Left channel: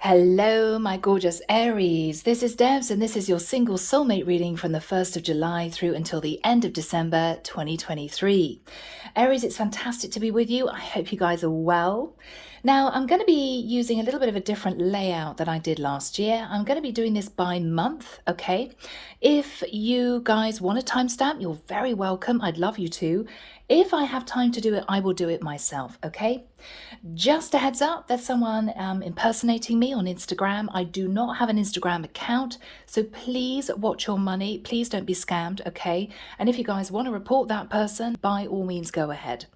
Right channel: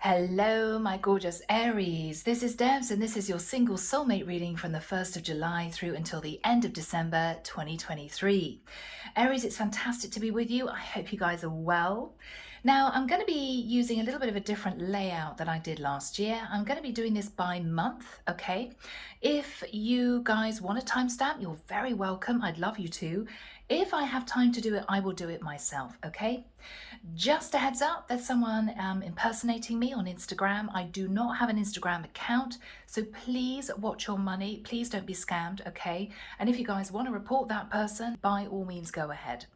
Hello, my gorgeous Aries. This is Debs, and this is your single soulmate reading from the 1st of July through until the end of December 2023. Aries, it's fantastic to be with you. I hope you guys are well. Now, I'm going to be using a little bit of a different layout than I did last year. I'm going to be doing this by month, okay? If you guys want a timestamp, you're very welcome. I'd love you to. If I have time to do it, I will do it myself, okay? Just a heads up, there's someone impersonating me on Instagram. I do not have an Instagram account, so please watch your money. Please don't be scammed, okay? And if you guys want to report that person, by all means, go ahead.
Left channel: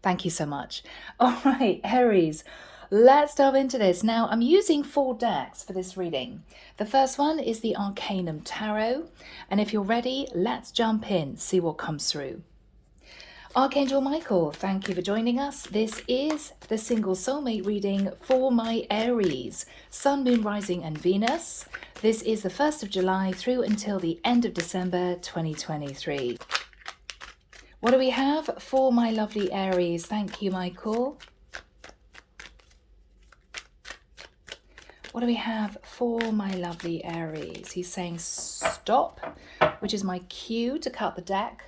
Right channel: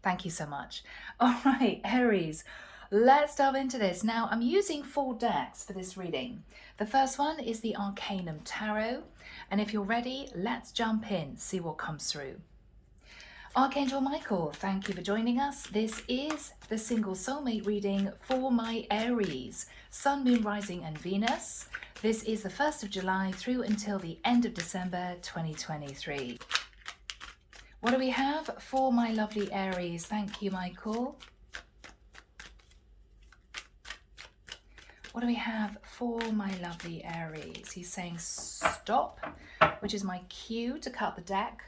Thank you so much. All right, Aries, let's delve into this. Now, I'm using 4 decks for this reading. The first one is the Arcanum Tarot. And if you're ready, let's jump in, see what comes through. Archangel Michael, thank you for joining us. This is the single soulmate reading for my Aries, Sun, Moon, Rising and Venus. This is the 1st of July through until the end of December 2023. What do we have for my lovely Aries? Thank you, Michael. What do we have for my lovely Aries? He's saying stop, which is my cue to cut the deck.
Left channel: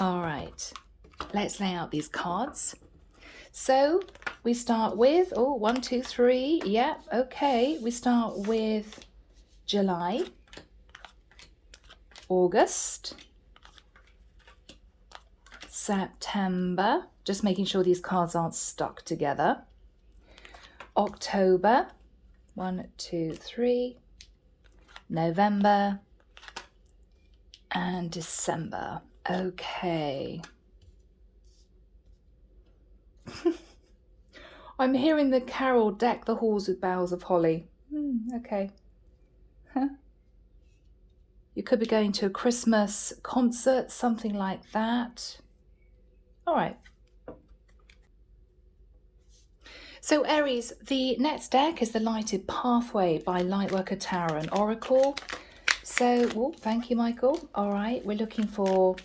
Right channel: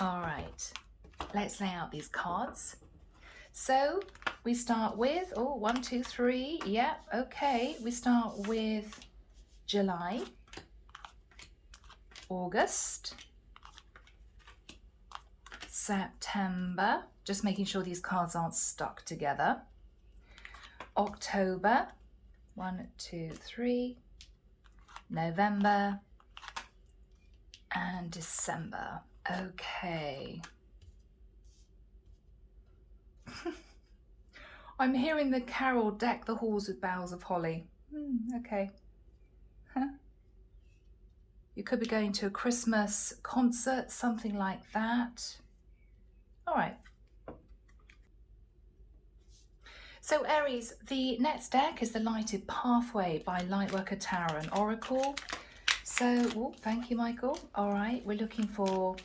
All right, let's lay out these cards. So we start with, 1, 2, 3. Yeah, okay. We start with July, August, September, just making sure these cards aren't stuck together. October, 1, 2, 3, November, and December. Okay. I'm hearing the carol deck the halls with boughs of holly. Okay. Huh. You could be going to a Christmas concert, something like that. All right. So Aries, the next deck is the Lighted Pathway by Lightworker Tarot and Oracle. So, thank you, Michael. All right, we're looking for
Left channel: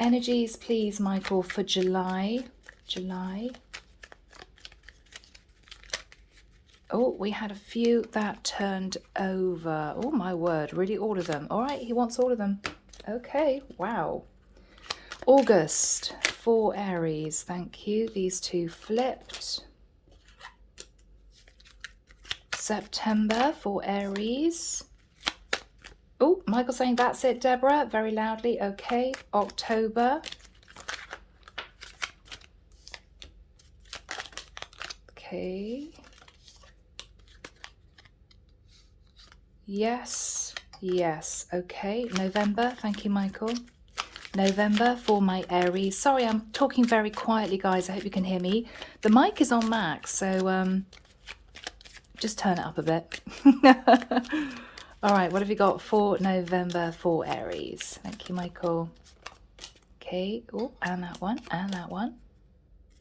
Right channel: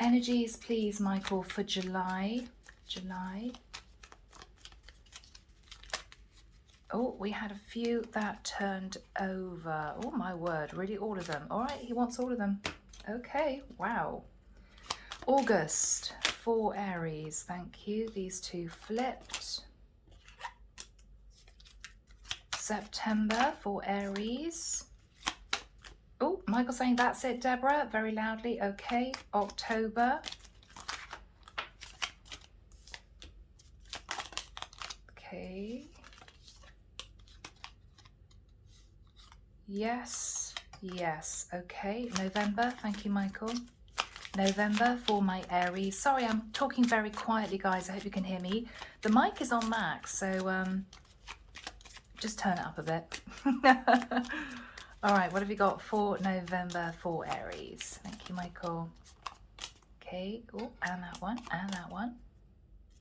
energies, please, Michael, for July. Oh, we had a few that turned over. Oh, my word, really all of them. All right, he wants all of them. Okay, wow. August for Aries, thank you. These two flipped. September for Aries. Oh, Michael saying that's it, Deborah, very loudly. Okay, October. Okay. Yes, okay. November, thank you, Michael. November for my Aries. Sorry, I'm talking very quietly, guys. I hope you can hear me. The mic is on max, so just turn it up a bit. All right, what have you got for November for Aries? Thank you, Michael. Okay, and that one, and that one.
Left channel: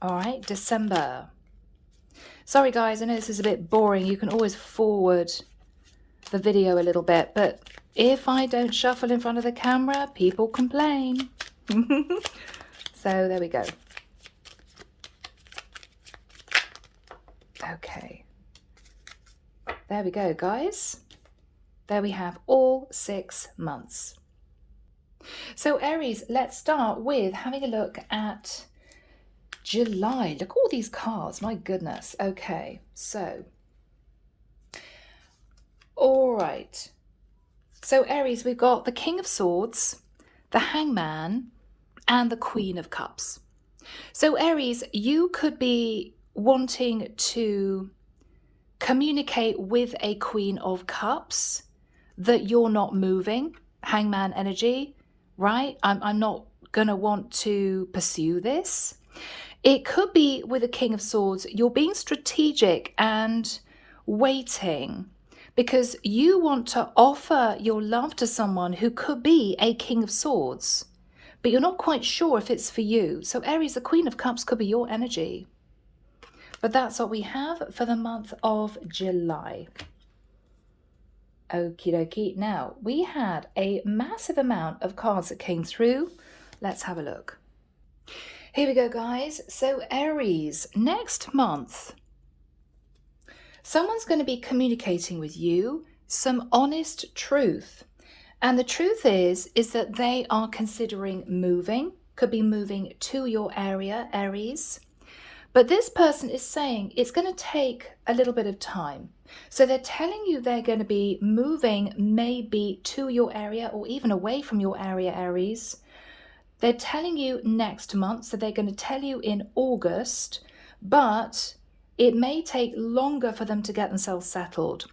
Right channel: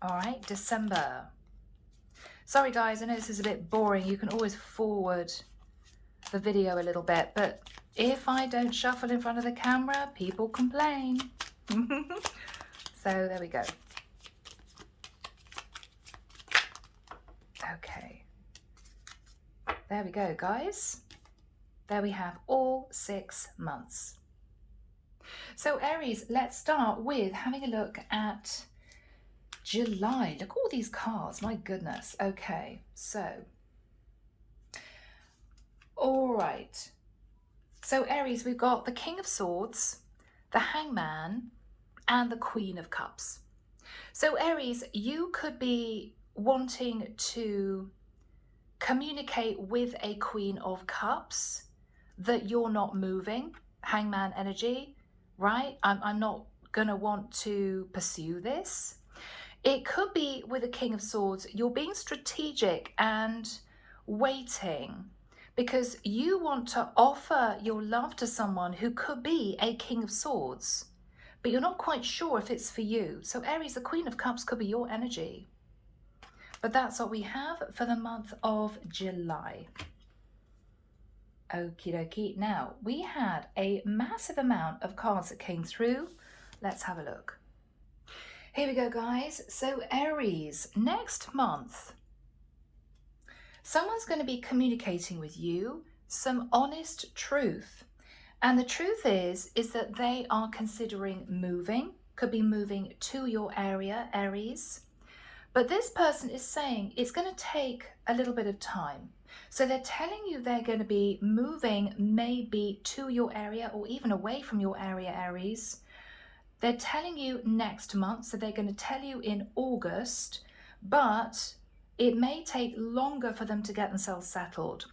All right, December. Sorry, guys, I know this is a bit boring. You can always forward the video a little bit, but if I don't shuffle in front of the camera, people complain. So there we go. Okay. There we go, guys. There we have all 6 months. So Aries, let's start with having a look at July. Look at all these cards, my goodness. Okay, so, all right. So Aries, we've got the King of Swords, the Hangman, and the Queen of Cups. So Aries, you could be wanting to communicate with a Queen of Cups that you're not moving, Hangman energy, right? I'm not going to want to pursue this. It could be with a King of Swords, you're being strategic and waiting because you want to offer your love to someone who could be a King of Swords, but you're not quite sure if it's for you. So Aries, the Queen of Cups could be your energy. But that's what we have for the month of July. Okie dokie. Now, we had a massive amount of cards that came through. Let's have a look. Here we go, guys. So Aries, next month, Someone's going to be communicating with you some honest truth. And the truth is that they are considering moving, could be moving to your area, Aries. But this person is saying it's going to take a little bit of time. So they're telling you they're going to be moving maybe to your area or even away from your area, Aries. They're telling you next month, so they're going to tell you in August, but it may take longer for them to get themselves settled.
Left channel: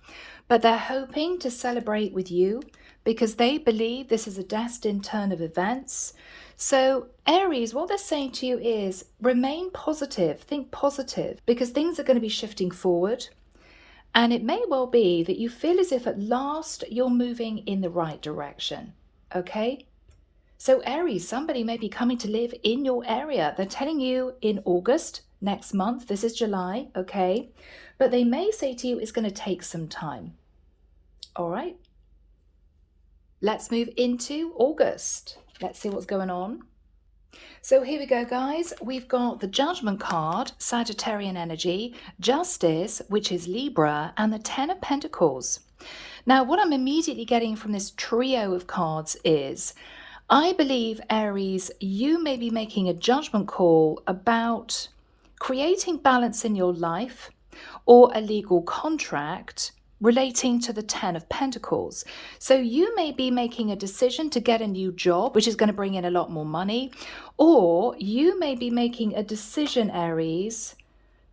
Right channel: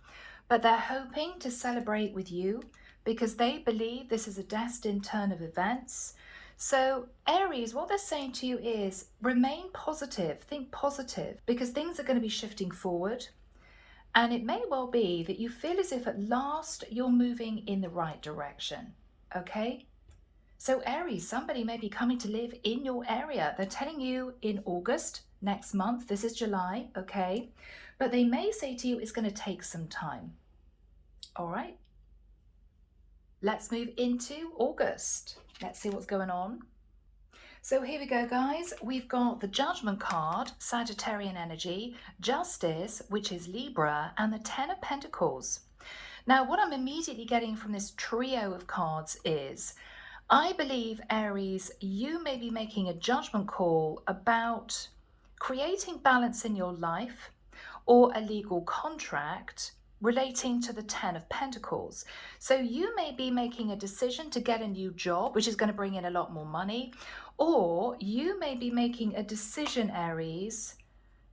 But they're hoping to celebrate with you because they believe this is a destined turn of events. So Aries, what they're saying to you is remain positive, think positive, because things are going to be shifting forward. And it may well be that you feel as if at last you're moving in the right direction, okay? So Aries, somebody may be coming to live in your area. They're telling you in August, next month, this is July, okay? But they may say to you it's going to take some time, all right? Let's move into August. Let's see what's going on. So here we go, guys. We've got the Judgment card, Sagittarian energy, Justice, which is Libra, and the Ten of Pentacles. Now, what I'm immediately getting from this trio of cards is, I believe, Aries, you may be making a judgment call about creating balance in your life or a legal contract relating to the Ten of Pentacles. So you may be making a decision to get a new job, which is going to bring in a lot more money, or you may be making a decision, Aries,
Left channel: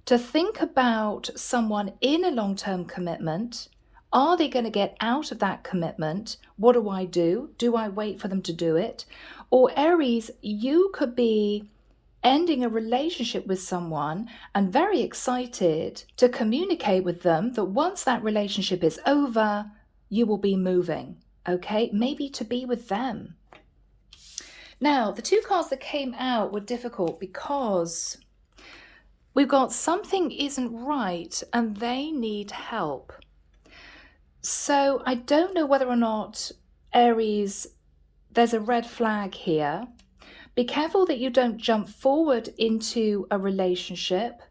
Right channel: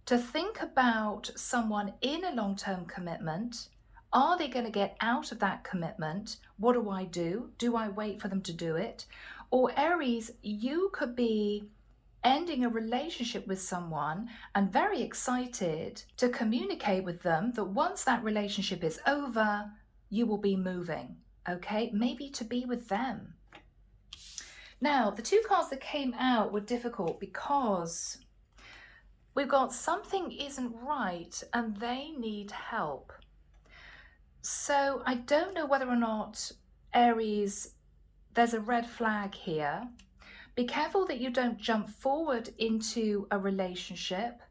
to think about someone in a long-term commitment. Are they going to get out of that commitment? What do I do? Do I wait for them to do it? Or Aries, you could be ending a relationship with someone and very excited to communicate with them that once that relationship is over, you will be moving, okay? Maybe to be with them. Now, the two cards that came out were difficult because we've got something isn't right and they need help. So I don't know whether or not, Aries, there's a red flag here. Be careful that you don't jump forward into a relationship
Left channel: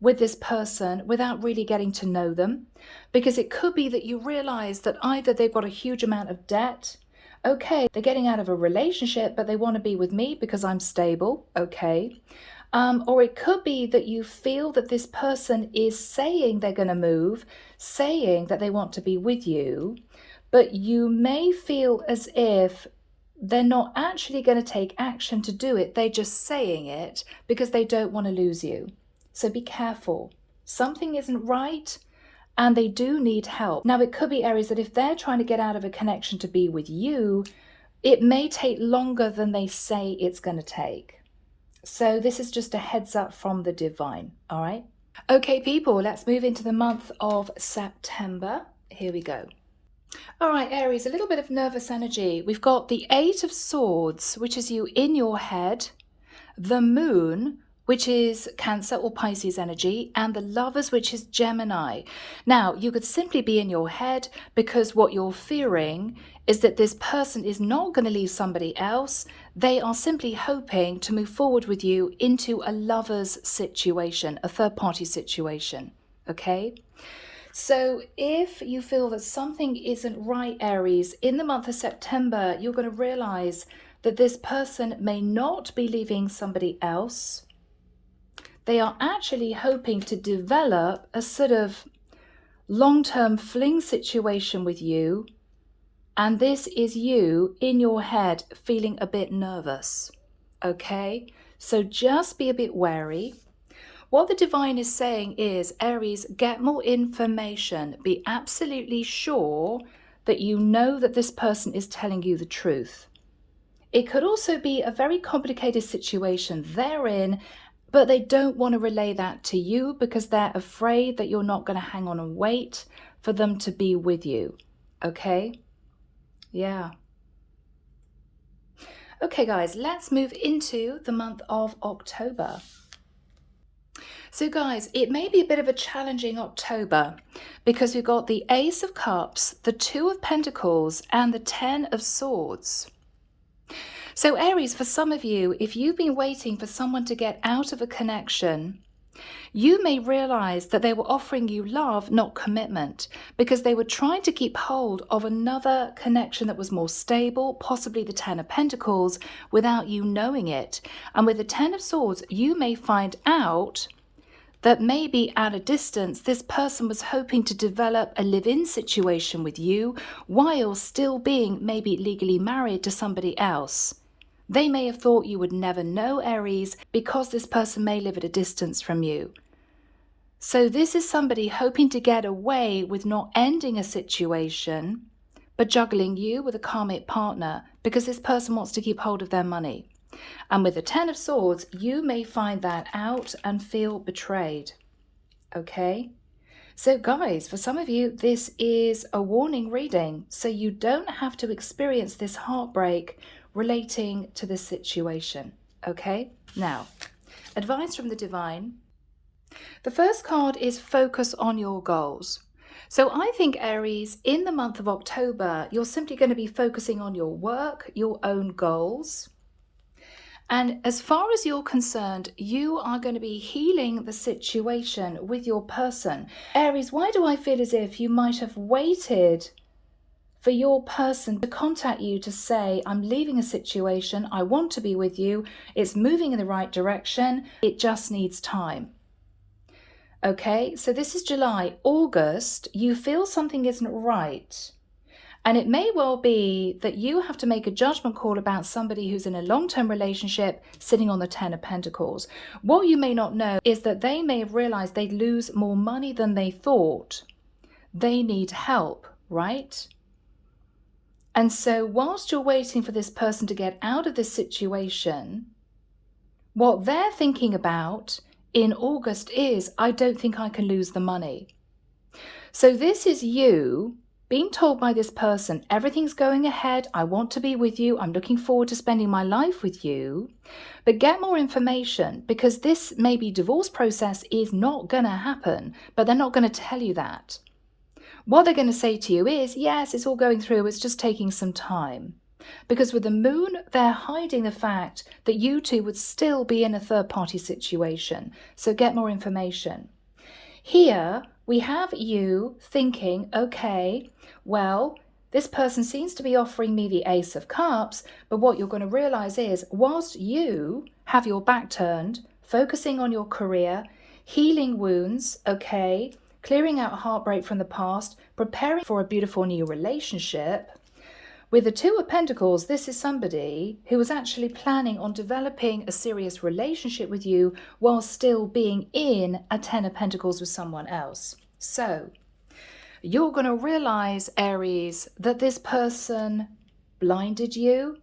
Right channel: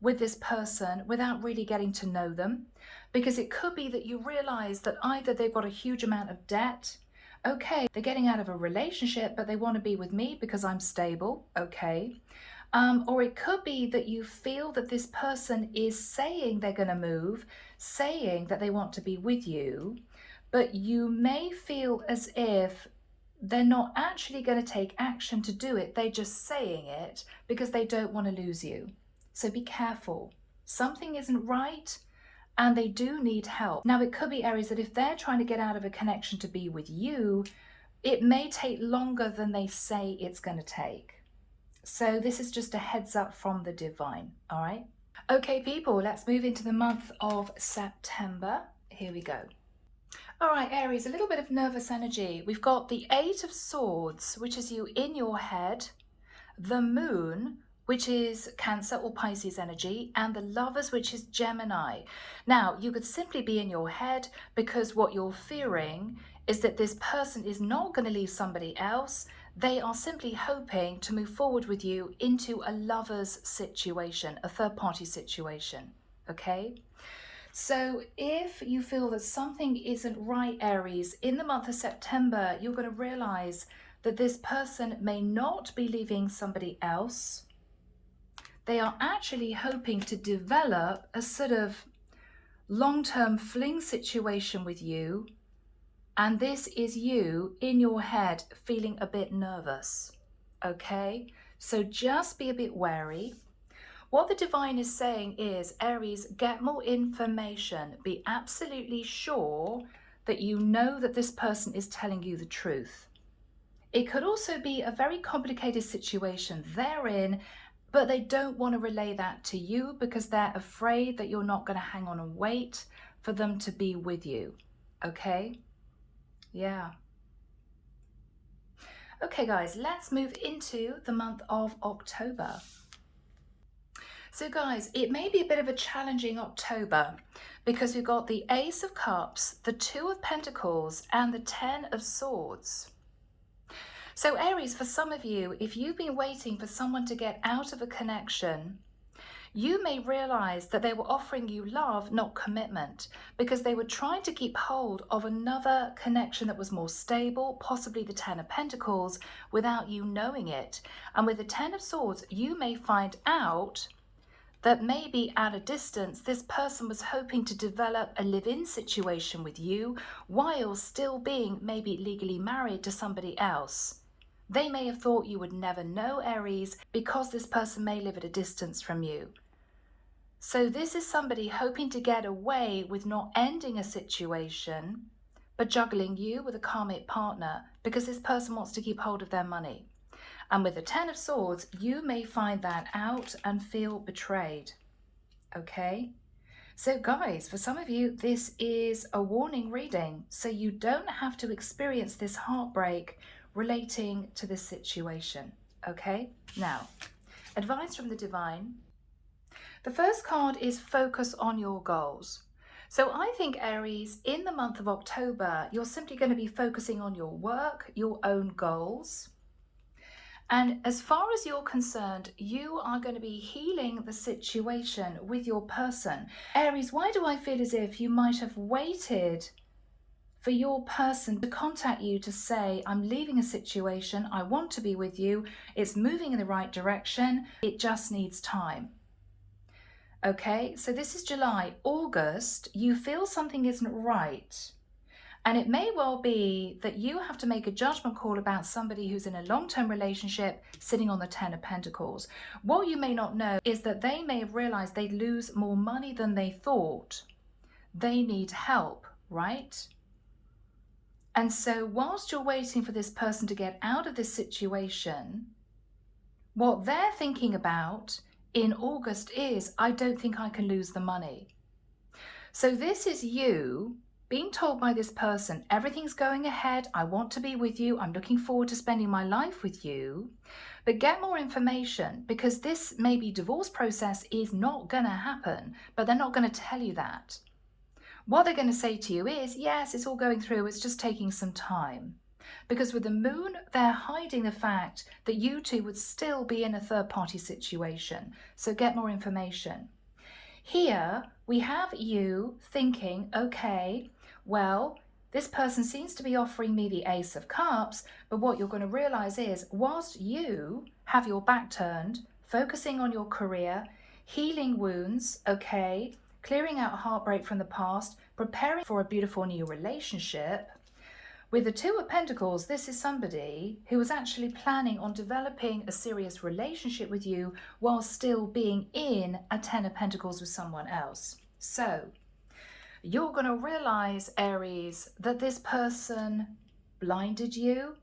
with this person without really getting to know them, because it could be that you realize that either they've got a huge amount of debt. Okay, they're getting out of a relationship, but they want to be with me because I'm stable. Okay. Or it could be that you feel that this person is saying they're going to move, saying that they want to be with you, but you may feel as if they're not actually going to take action to do it. They're just saying it because they don't want to lose you. So be careful. Something isn't right and they do need help. Now, it could be, Aries, that if they're trying to get out of a connection to be with you, it may take longer than they say it's going to take. So this is just a heads up from the divine, all right? Okay, people, let's move into the month of September. Here we go. All right, Aries, a little bit of nervous energy. We've got the Eight of Swords, which is you in your head, the Moon, which is Cancer or Pisces energy, and the Lovers, which is Gemini. Now, you could simply be in your head because what you're fearing is that this person is not going to leave somebody else. They are simply hoping to move forward with you into a lover's situation, a third-party situation, okay? So if you feel that something isn't right, Aries, in the month of September, you're going to realize that this person may not be leaving somebody else. They are actually hoping to develop a sort of long-term fling situation with you. And this is you in your head feeling a bit nervous, okay? So just be a bit wary. What the divine is saying is, Aries, get more information. Be absolutely sure that you know that this person is telling you the truth. It could also be a very complicated situation they're in, but they don't want to relay that to you because they're afraid that you're not going to hang on and wait for them to be with you. Okay? Yeah. Okay, guys, let's move into the month of October. So guys, it may be a bit of a challenging October because we've got the Ace of Cups, the Two of Pentacles, and the Ten of Swords. So Aries, for some of you, if you've been waiting for someone to get out of a connection, You may realize that they were offering you love, not commitment, because they were trying to keep hold of another connection that was more stable, possibly the Ten of Pentacles, without you knowing it. And with the Ten of Swords, you may find out that maybe at a distance, this person was hoping to develop a live-in situation with you while still being maybe legally married to somebody else. They may have thought you would never know, Aries, because this person may live at a distance from you. So this is somebody hoping to get away with not ending a situation, but juggling you with a karmic partner because this person wants to keep hold of their money. And with the Ten of Swords, you may find that out and feel betrayed. Okay? So guys, for some of you, this is a warning reading. So you don't have to experience this heartbreak relating to this situation. Okay? Now, advice from the divine. The first card is focus on your goals. So I think, Aries, in the month of October, you're simply going to be focusing on your work, your own goals. And as far as you're concerned, you are going to be healing the situation with your person. Aries, why do I feel as if you might have waited for your person to contact you to say, I'm leaving a situation, I want to be with you, it's moving in the right direction, it just needs time. Okay, so this is July. August, you feel something isn't right. And it may well be that you have to make a judgment call about somebody who's in a long-term relationship sitting on the Ten of Pentacles. What you may not know is that they may have realized they'd lose more money than they thought. They need help, right? And so whilst you're waiting for this person to get out of this situation, what they're thinking about in August is, I don't think I can lose the money. So this is you being told by this person, everything's going ahead, I want to be with you, I'm looking forward to spending my life with you, but get more information, because this maybe divorce process is not going to happen, but they're not going to tell you that. What they're going to say to you is, yes, it's all going through, it's just taking some time. Because with the moon, they're hiding the fact that you two would still be in a third-party situation. So get more information. Here, we have you thinking, okay, well, this person seems to be offering me the Ace of Cups, but what you're going to realize is, whilst you have your back turned, focusing on your career, healing wounds, okay, clearing out heartbreak from the past, preparing for a beautiful new relationship, with the Two of Pentacles, this is somebody who was actually planning on developing a serious relationship with you while still being in a Ten of Pentacles with someone else. So you're going to realize, Aries, that this person blinded you,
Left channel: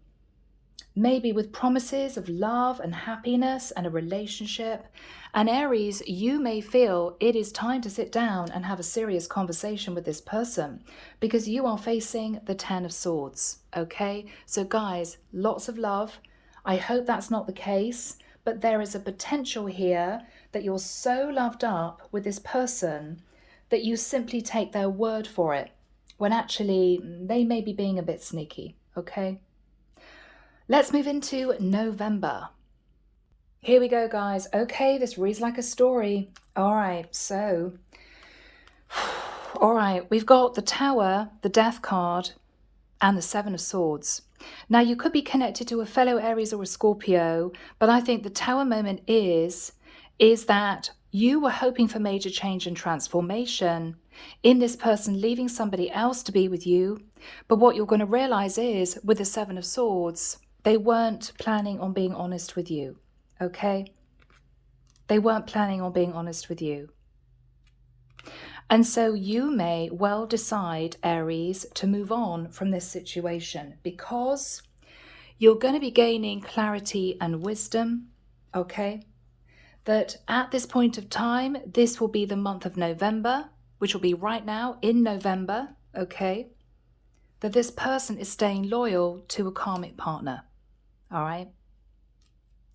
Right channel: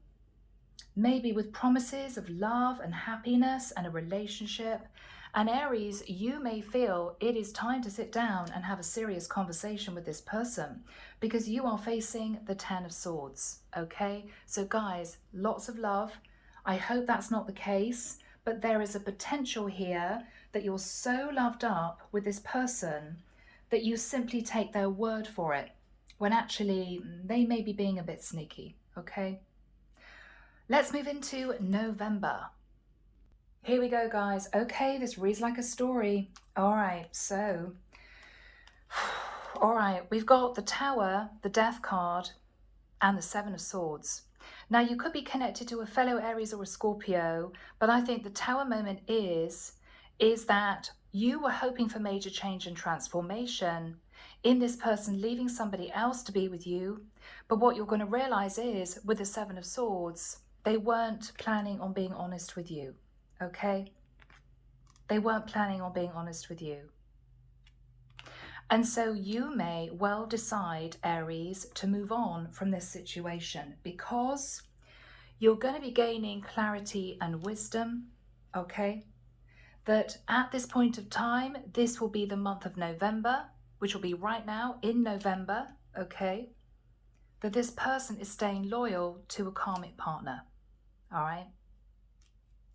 maybe with promises of love and happiness and a relationship. And Aries, you may feel it is time to sit down and have a serious conversation with this person because you are facing the Ten of Swords, okay? So guys, lots of love. I hope that's not the case, but there is a potential here that you're so loved up with this person that you simply take their word for it, when actually they may be being a bit sneaky, okay? Let's move into November. Here we go, guys. Okay, this reads like a story. All right, so, all right, we've got the Tower, the Death card, and the Seven of Swords. Now, you could be connected to a fellow Aries or a Scorpio, but I think the Tower moment is that you were hoping for major change and transformation in this person leaving somebody else to be with you. But what you're going to realize is, with the Seven of Swords, they weren't planning on being honest with you. Okay? They weren't planning on being honest with you. And so you may well decide, Aries, to move on from this situation because you're going to be gaining clarity and wisdom, okay? That at this point of time, this will be the month of November, which will be right now in November, okay? That this person is staying loyal to a karmic partner, all right?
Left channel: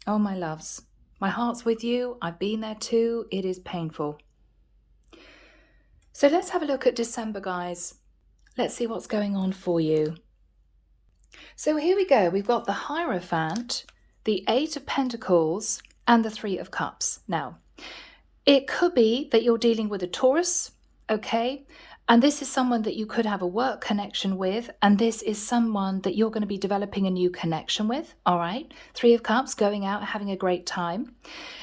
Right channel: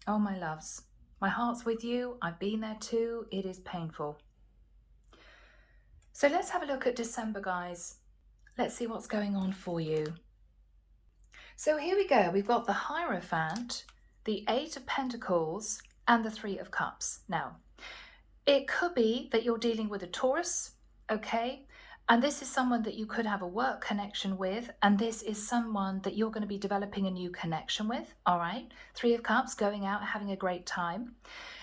Oh, my loves, my heart's with you. I've been there too. It is painful. So let's have a look at December, guys. Let's see what's going on for you. So here we go. We've got the Hierophant, the Eight of Pentacles, and the Three of Cups. Now, It could be that you're dealing with a Taurus, okay? And this is someone that you could have a work connection with, and this is someone that you're going to be developing a new connection with, all right? Three of Cups, going out, having a great time.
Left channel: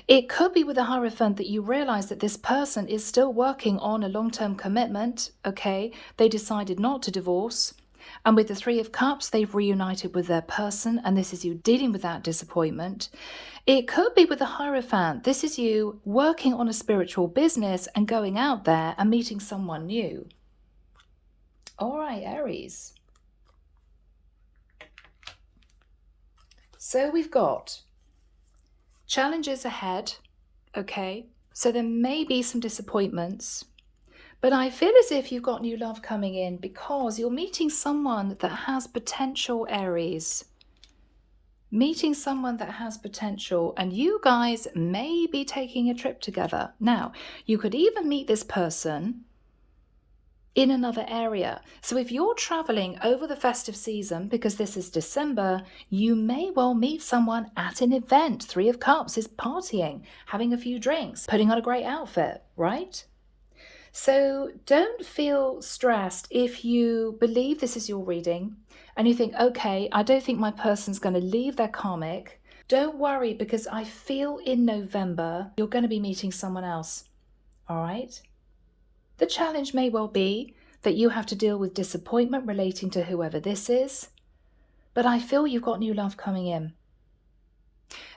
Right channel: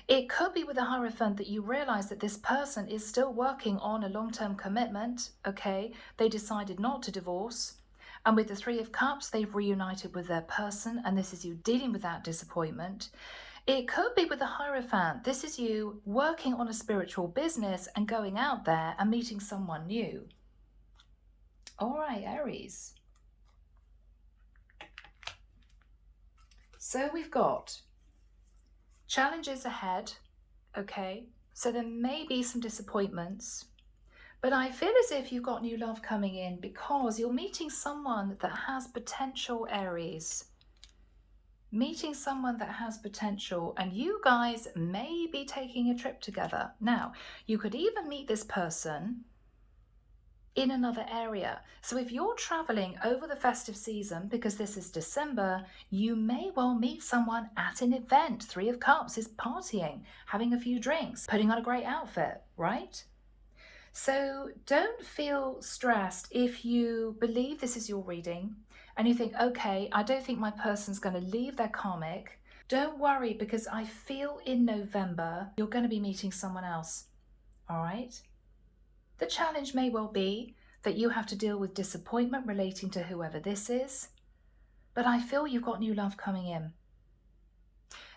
It could be with the Hierophant that you realize that this person is still working on a long-term commitment, okay? They decided not to divorce. And with the Three of Cups, they've reunited with their person, and this is you dealing with that disappointment. It could be with the Hierophant. This is you working on a spiritual business and going out there and meeting someone new. All right, Aries. So we've got challenges ahead, okay? So there may be some disappointments, but I feel as if you've got new love coming in because you're meeting someone that has potential, Aries. Meeting someone that has potential, and you guys may be taking a trip together. Now, you could even meet this person in another area. So if you're traveling over the festive season, because this is December, you may well meet someone at an event. Three of Cups is partying, having a few drinks, putting on a great outfit, right? So don't feel stressed if you believe this is your reading and you think, okay, I don't think my person's going to leave their karmic. Don't worry, because I feel in November you're going to be meeting someone else, all right? The challenge may well be that you have to deal with disappointment relating to whoever this is, but I feel you've got new love coming in.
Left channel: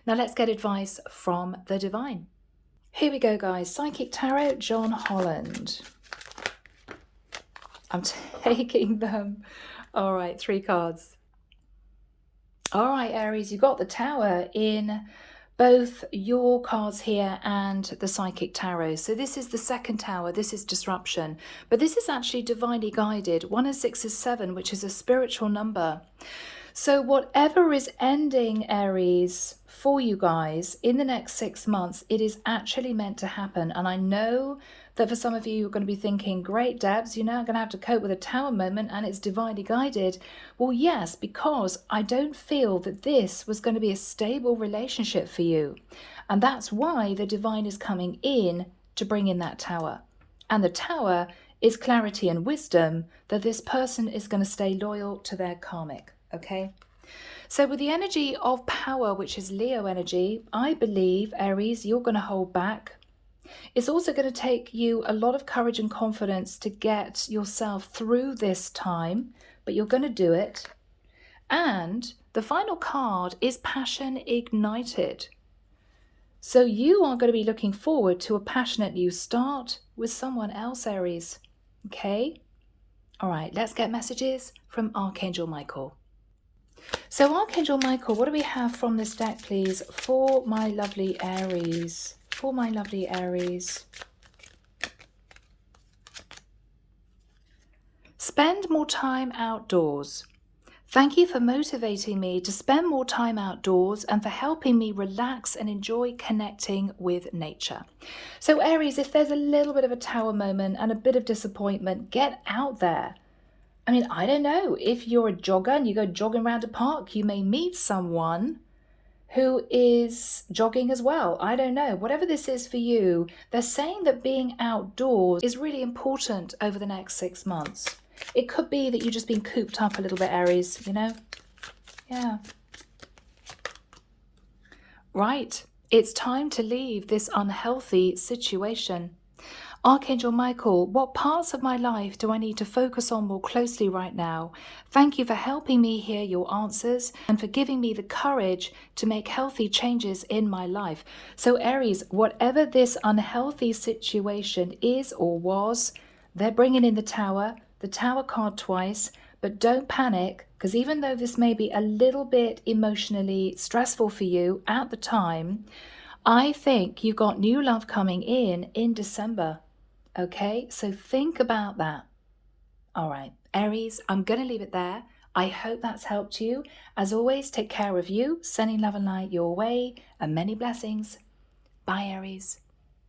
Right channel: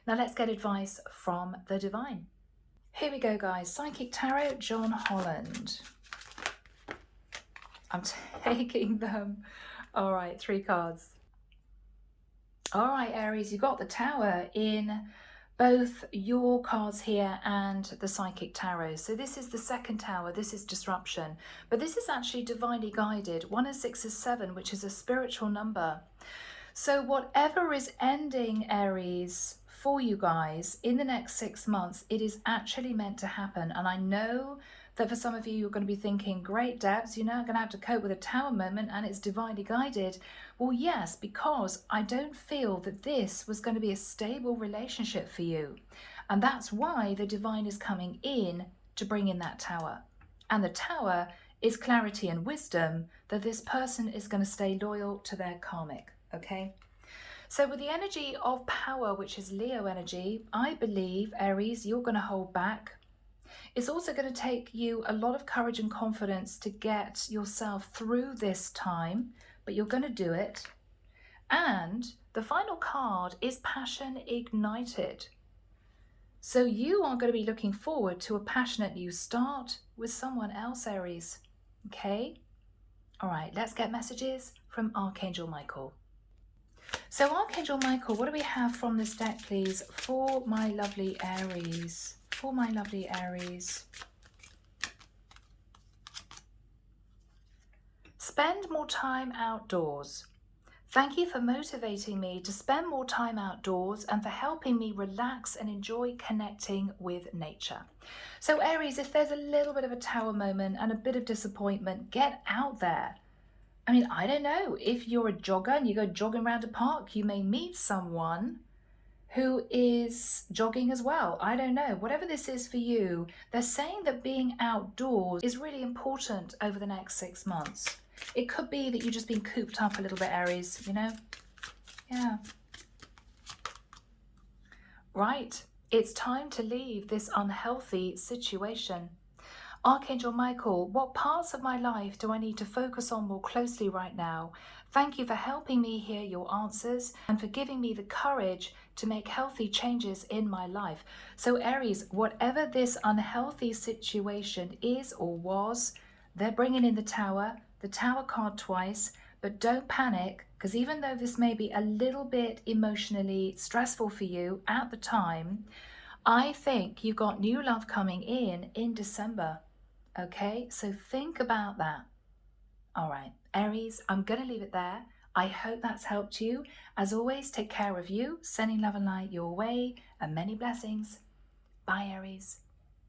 Now let's get advice from the divine. Here we go, guys. Psychic Tarot, John Holland. I'm taking them. All right, 3 cards. All right, Aries, you got the Tower in both your cards here and the Psychic Tarot. So this is the second tower, this is disruption, but this is actually divinely guided. 1 and 6 is 7, which is a spiritual number. So whatever is ending, Aries, for you guys in the next 6 months, it is actually meant to happen. And I know that for some of you, you're going to be thinking, great, Debs, you're now going to have to cope with a tower moment and it's divinely guided. Well, yes, because I don't feel that this was going to be a stable relationship for you. And that's why the divine is coming in to bring in that tower. And the tower is clarity and wisdom that this person is going to stay loyal to their karmic, okay? So with the energy of power, which is Leo energy, I believe, Aries, you're going to hold back. It's also going to take you a lot of courage and confidence to get yourself through this time, but you're going to do it. And the final card is Passion Ignited. So you are going to be looking forward to a passionate new start with someone else, Aries. Okay? All right, let's get messages from Archangel Michael. So Archangel Michael, what do we have from this deck, please, for my lovely Aries? For my lovely Aries. Spend more time outdoors. Thank you for motivating me to spend more time outdoors and for helping me relax and enjoy connecting with nature. So Aries, if there's a little bit of a tower moment and a bit of disappointment, get out there. I mean, I don't know, if you're a jogger and you go jogging around a park, you may meet someone who is jogging as well. I don't know. Whatever this is for you, they're saying that being outdoors is really important over the next 6 months. It could be that you've just been cooped up a little bit, Aries, you know? Yeah. Right. It's time to leave this unhealthy situation. Archangel Michael, what parts of my life do I need to focus on more closely right now? Thank you for helping me hear your answers and for giving me the courage to make healthy changes in my life. So Aries, whatever this unhealthy situation is or was, they're bringing in the Tower card twice, but don't panic, because even though this may be a little bit emotionally stressful for you at the time, I think you got new love coming in December. Okay, so think about that. All right, Aries, I'm going to leave it there. I hope that's helped you. As always, take care of you, sending love and light your way, and many blessings. Bye, Aries.